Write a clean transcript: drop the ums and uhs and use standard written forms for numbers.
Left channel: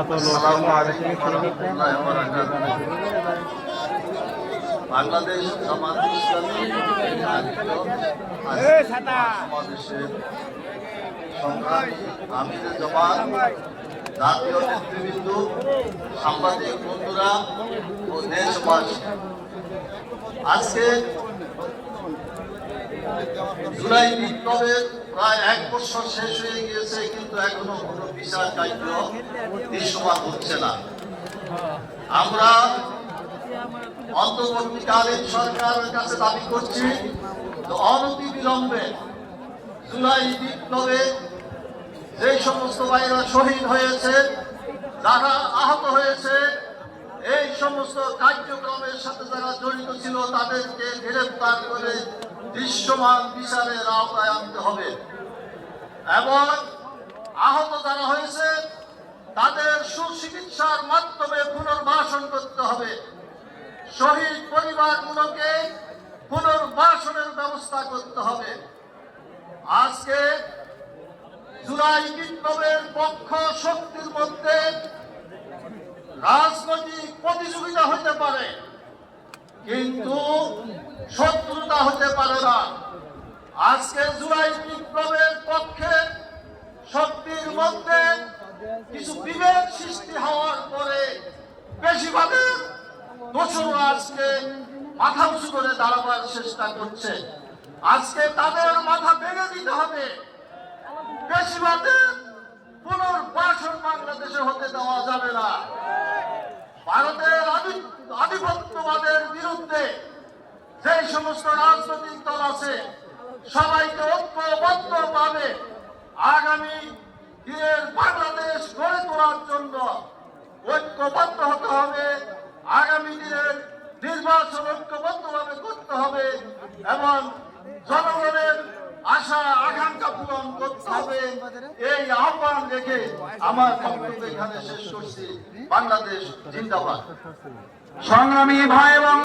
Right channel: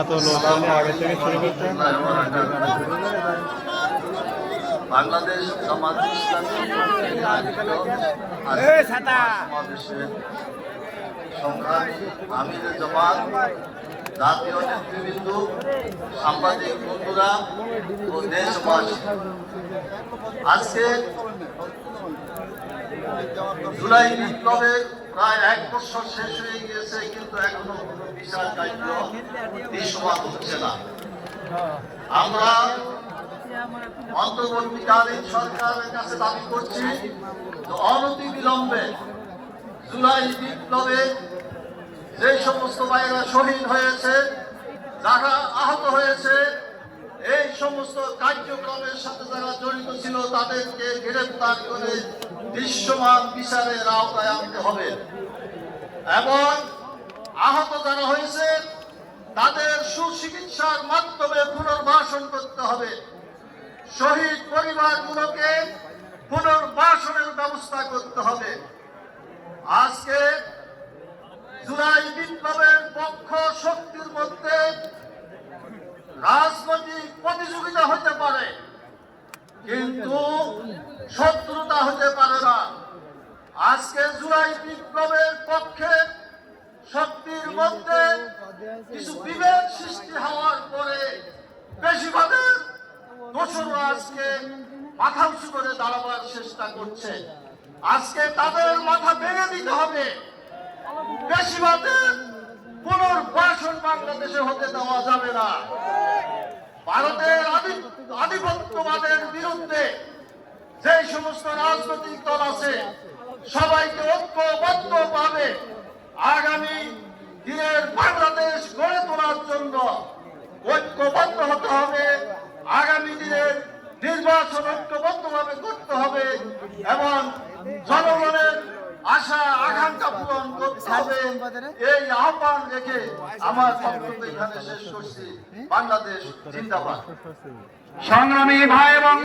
এত লোক আগে থেকে শুরু করতে বাংলাদেশ জামাত ইসলামী সংগ্রামী আমির জামাত জাতীয় নেতৃবৃন্দ, সাংবাদিক বন্ধুরা ও দেশবাসী, আজকে জুলাই বিপ্লবের প্রায় 1 বছর শেষ হয়ে গিয়েছে, কিন্তু এখনো কোনো বিচার কার্য দৃশ্যমান হচ্ছে না। আমরা অন্তর্বর্তীকালীন সরকারের কাছে দাবি করছি অনতি বিলম্বে জুলাই বিপ্লবে যে সমস্ত ভাইরা শহীদ হয়েছে, যারা আহত হয়েছে, এই সমস্ত কার্যক্রমের সাথে যারা জড়িত ছিল তাদেরকে গ্রেফতার করে দৃশ্যমান বিচারের আওতায় আনতে হবে এবং আহত যারা হয়েছে তাদের সুচিকিৎসার মাধ্যমে পুনর্বাসন করতে হবে। শহীদ পরিবারগুলোকে পুনর্বাসনের ব্যবস্থা করতে হবে। আজকে জুলাই বিপ্লবের পক্ষ শক্তির মধ্যে রাজনৈতিক প্রতিযোগিতা হতে পারে, কিন্তু শত্রুতা হতে পারে না। আজকে জুলাই বিপ্লবের পক্ষে শক্তির মধ্যে কিছু বিভেদ সৃষ্টি হওয়ার পরে বেশিরভাগের দোষরা আজকে মাথা উঁচু করে দাঁড়াবার চেষ্টা করছে। আজকে তাদের মাথা ভেঙে দিতে হবে। বেশিরভাগের পুনর্বাসন বাংলাদেশে হতে দেওয়া যাবে না। ভারতের আধিপত্যবাদের বিরুদ্ধে যে সমস্ত রাজনৈতিক দল আছে সবাইকে ঐক্যবদ্ধভাবে আগামী দিনের বাংলাদেশ গড়ে তোলার জন্য ঐক্যবদ্ধ হতে হবে। আগামী দিনের নির্বাচন ঐক্যবদ্ধভাবে করতে হবে এবং জনগণের আশা আকাঙ্ক্ষা পূরণ করতে হবে। এই আহ্বান রেখে আমার বক্তব্য এখানে শেষ করছি। বাংলাদেশ জিন্দাবাদ। সংগ্রামী ভাই এবং